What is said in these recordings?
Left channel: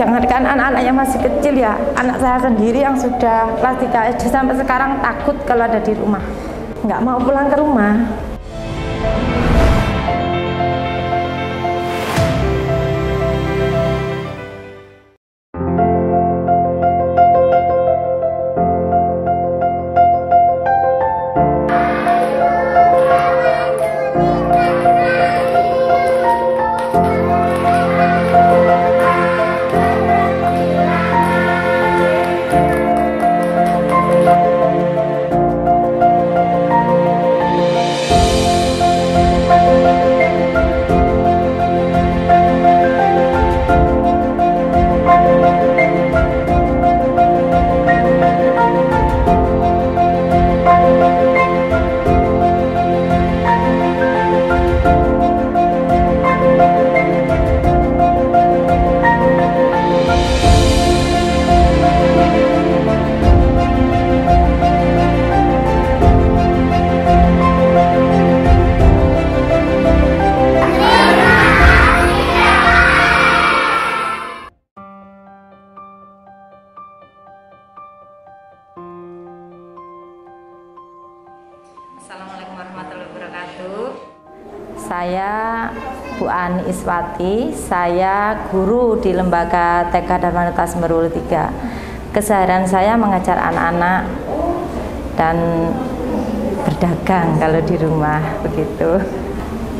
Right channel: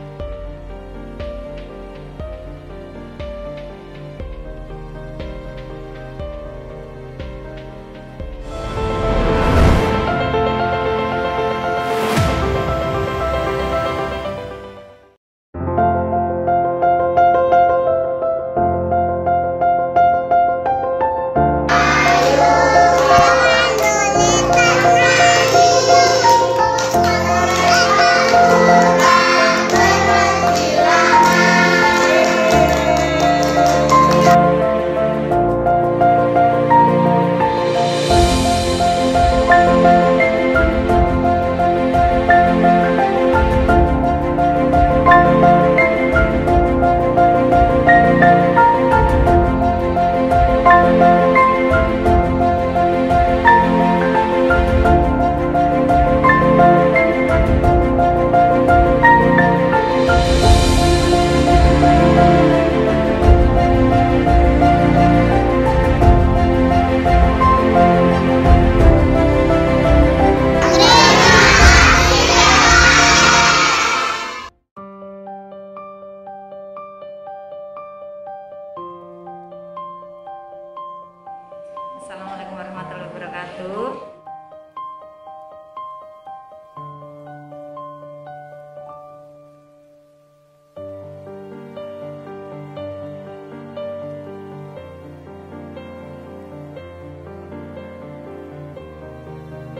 jangankan anak-anak yang masih kecil ya, anak saya sendiri yang sudah kelas 3 SD sampai sekarang takut kalau ada di rumah, nggak mau pulang ke rumah. Assalamualaikum warahmatullahi wabarakatuh. Saya Bu Ani Iswati, saya guru di Lembaga TK Darmanata Semeru 3. Keseharian saya mengajar anak-anak dan berdagang kalau di rumah begitu.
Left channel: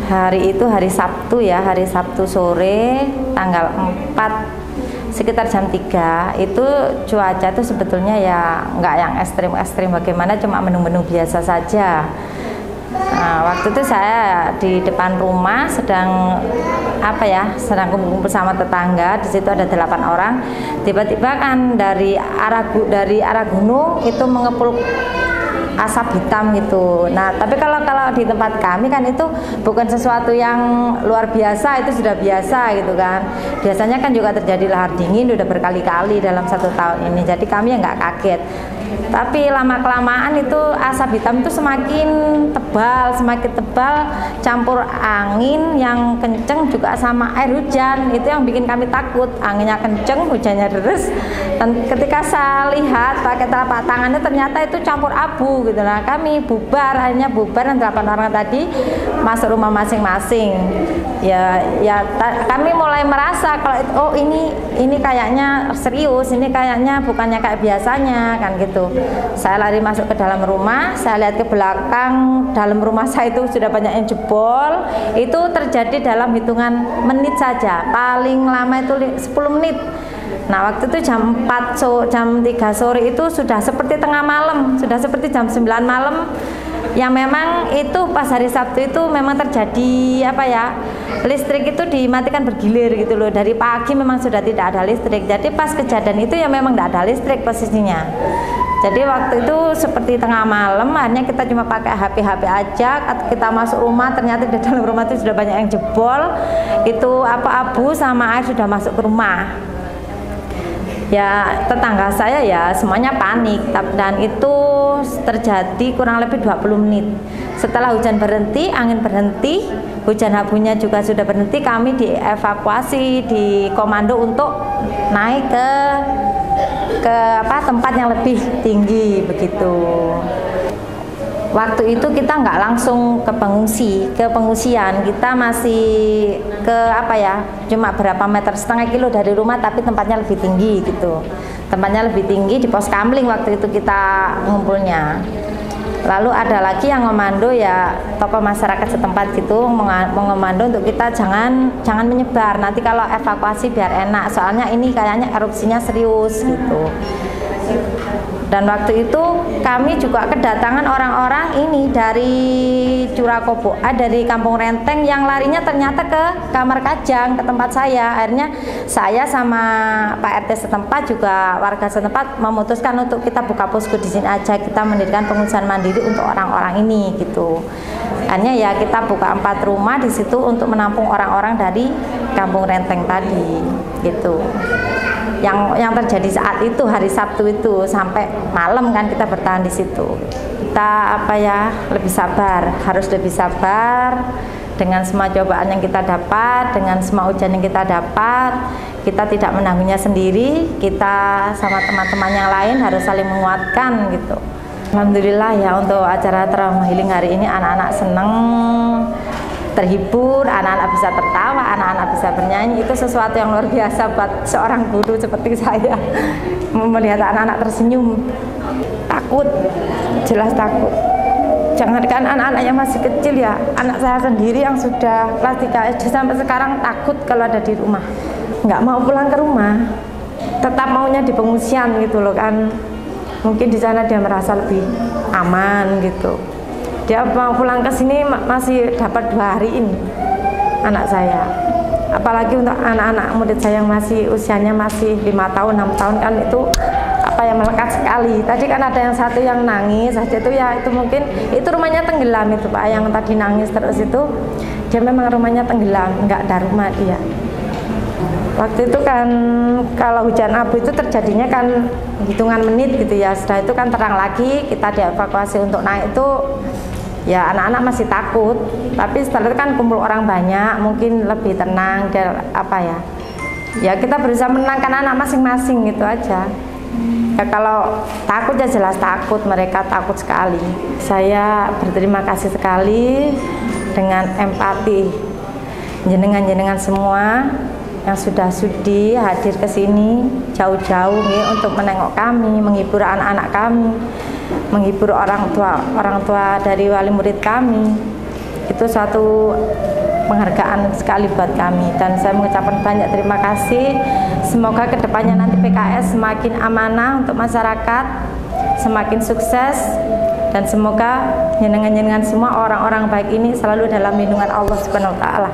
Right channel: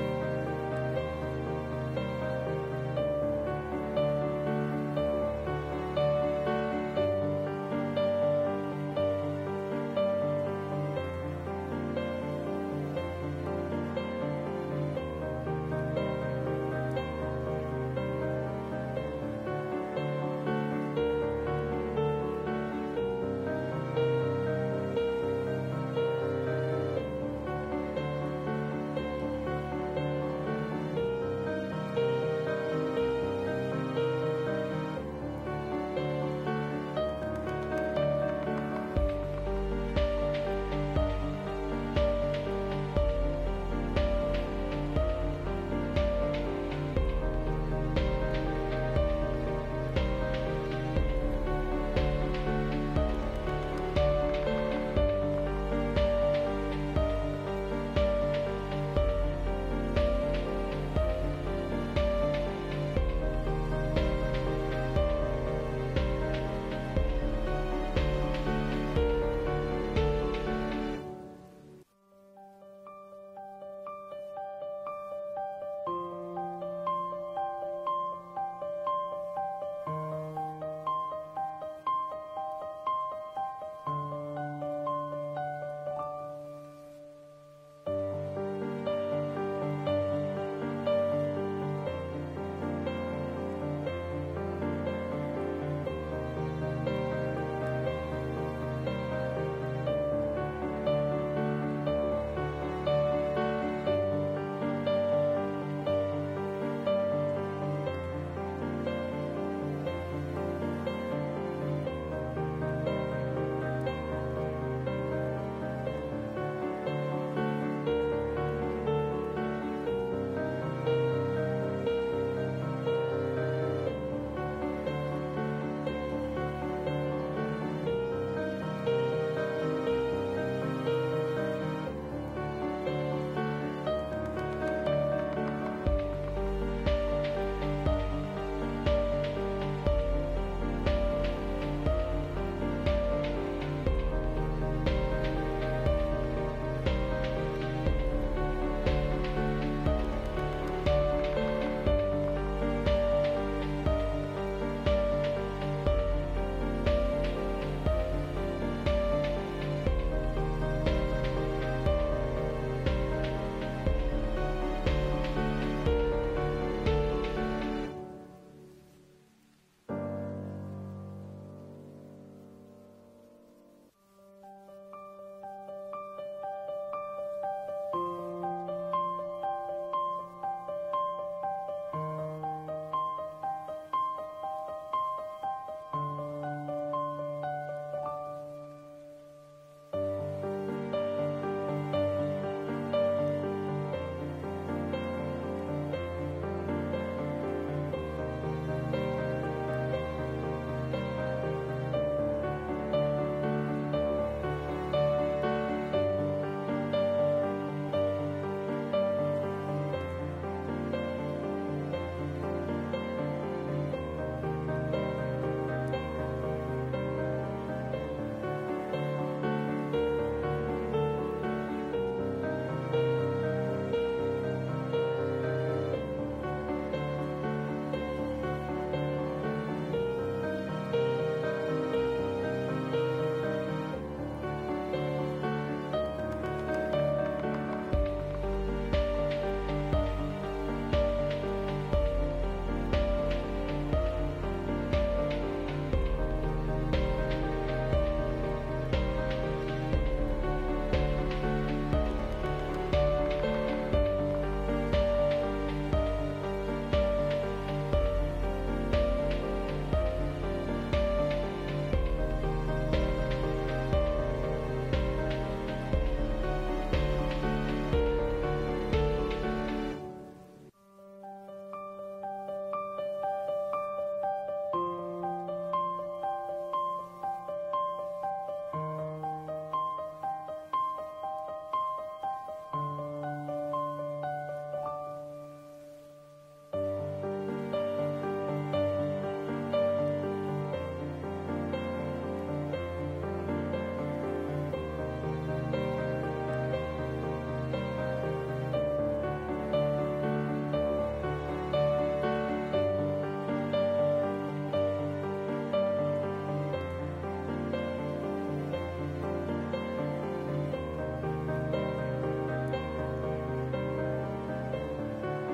Hari itu hari Sabtu ya, hari Sabtu sore tanggal 4 sekitar jam 3 itu cuaca itu sebetulnya ya nggak yang ekstrim-ekstrim bagaimana, cuma mendung-mendung biasa saja. Nah, waktu itu saya di depan rumah sedang sedang kumpul sama tetangga. Di situ ada 8 orang. Tiba-tiba kan dari arah gunung itu mengepul asap hitam gitu. Nah, tapi kalau di tempat kami kan itu bukan sesuatu yang luar biasa, itu sudah biasa gitu kan. Biasanya kan juga terjadi lahar dingin udah berkali-kali dalam 1 tahun ini. Jadi kami ya nggak kaget. Tapi lama-kelamaan itu asap hitam itu semakin tebal, campur angin yang kenceng juga sama air hujan. Itu yang bikin kami takut. Anginnya kenceng, hujannya deres. Dan ketika saya lihat pakai telapak tangannya ternyata itu campur abu gitu. Nah, kami akhirnya bubar dan 8 orang tadi masuk rumah masing-masing. Kami mulai merasa kalau ini kayaknya serius, ini kayaknya bukannya kayak biasanya kan gitu. Saya lari masuk ke dalam rumah, saya lihat ke belakang, dalam rumah saya itu sudah banyak yang jebol. Itu terjadi dalam hitungan menit saja, paling lama itu 10 menit. Nah, waktu itu jam 3 sore itu sudah seperti tengah malam, sudah seperti jam 9 malam. Yang memang itu pas hari Sabtu itu memang terjadi listrik itu dimatikan bergilir gitu loh. Dari pagi memang sudah tidak ada listrik. Jadi pas kejadian itu ya memang tidak ada listrik posisinya. Jadi waktu itu seperti tengah malam, akhirnya kita cuma pakai HP aja. Kita masuk rumah, ternyata di dalam rumah itu sudah banyak yang jebol. Itu abu sama air sudah masuk ke rumah. Ya, tetangga saya ya semuanya panik, dan itu terjadi kurang lebih 20 menit. Setelah hujan berhenti, angin berhenti, hujan abunya juga sudah berhenti, kami dievakuasi, dikomando untuk naik ke tempat yang lebih tinggi begitu. Waktu itu kita nggak langsung ke pengungsian, kita masih cuma berapa meter, setengah kilo dari rumah, tapi tempatnya lebih tinggi gitu. Tempatnya lebih tinggi di pos kamling waktu itu kita ngumpulnya. Lalu ada lagi yang ngomando ya, tokoh masyarakat setempat gitu mengomando untuk kita jangan menyebar, nanti kalau evakuasi biar enak, soalnya ini kayaknya erupsinya serius gitu. Dan waktu itu kami juga kedatangan orang-orang ini dari Curakobo, dari Kampung Renteng yang larinya ternyata ke Kamar Kajang, ke tempat saya. Akhirnya saya sama Pak RT setempat juga warga setempat memutuskan untuk kita buka posko di sini aja, kita mendirikan pengungsian mandiri untuk orang-orang ini gitu. Akhirnya ya kita buka 4 rumah di situ untuk menampung orang-orang dari Kampung Renteng tadi gitu. Yang terjadi saat itu hari Sabtu itu sampai malam kan kita bertahan di situ. Kita lebih sabar, harus lebih sabar dengan semua cobaan yang kita dapat, dengan semua ujian yang kita dapat. kita tidak menanggungnya sendiri, kita sama teman-teman yang lain harus saling menguatkan gitu. Alhamdulillah ya, untuk acara trauma healing hari ini anak-anak seneng, terhibur, anak-anak bisa tertawa, anak-anak bisa bernyanyi. Itu sesuatu yang luar biasa buat seorang guru seperti saya. Melihat anak-anak tersenyum, takut, jelas takut. Jangankan anak-anak yang masih kecil ya, anak saya sendiri yang sudah kelas 3 SD sampai sekarang takut kalau ada di rumah. Nggak mau pulang ke rumah, tetap maunya di pengungsian gitu loh kan. Mungkin di sana dia merasa lebih aman gitu. Dia mau pulang ke sini masih dapat 2 hari ini anak saya. Apalagi untuk anak-anak murid saya yang masih usianya masih 5 tahun, 6 tahun kan itu apa ya, melekat sekali. Tadi kan ada yang satu yang nangis saja itu ya, itu mungkin itu rumahnya tenggelam itu Pak, yang tadi nangis terus itu dia memang rumahnya tenggelam, nggak ada rumah dia. Waktu itu kan kalau hujan abu itu terjadinya kan hitungan menit gitu ya. Setelah itu kan terang lagi, kita dievakuasi untuk naik itu ya anak-anak masih takut. Tapi setelah itu kan kumpul orang banyak, mungkin lebih tenang dan apa ya. Ya kita berusaha menenangkan anak masing-masing gitu aja. Ya kalau takut ya jelas takut, mereka takut sekali. Saya berterima kasih sekali dengan empati jenengan-jenengan semua yang sudah sudi hadir ke sini jauh-jauh untuk menengok kami, menghibur anak-anak kami, menghibur orang tua dari wali murid kami. Itu suatu penghargaan sekali buat kami dan saya mengucapkan banyak terima kasih. Semoga kedepannya nanti PKS semakin amanah untuk masyarakat, semakin sukses, dan semoga jenengan-jenengan semua orang-orang baik ini selalu dalam lindungan Allah Subhanahu wa Ta'ala.